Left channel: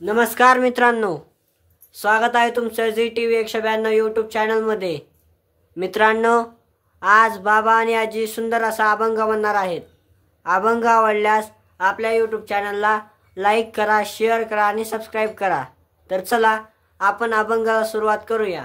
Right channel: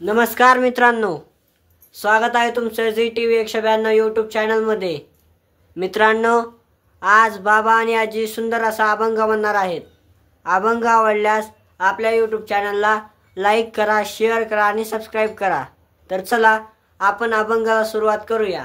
नमस्कार मित्रांनो, स्वागत आहे तुमचं झी टीव्ही 192 यूट्यूब चॅनलमध्ये। मित्रांनो, आज बाबा आणि आजी सुंदर असा अभंग म्हणणार आहेत। अभंग आवडल्यास आपल्या यूट्यूब चॅनलला लाईक करा, शेअर करा आणि सबस्क्राइब करा। तर चला आपण अभंगाला सुरुवात करूया।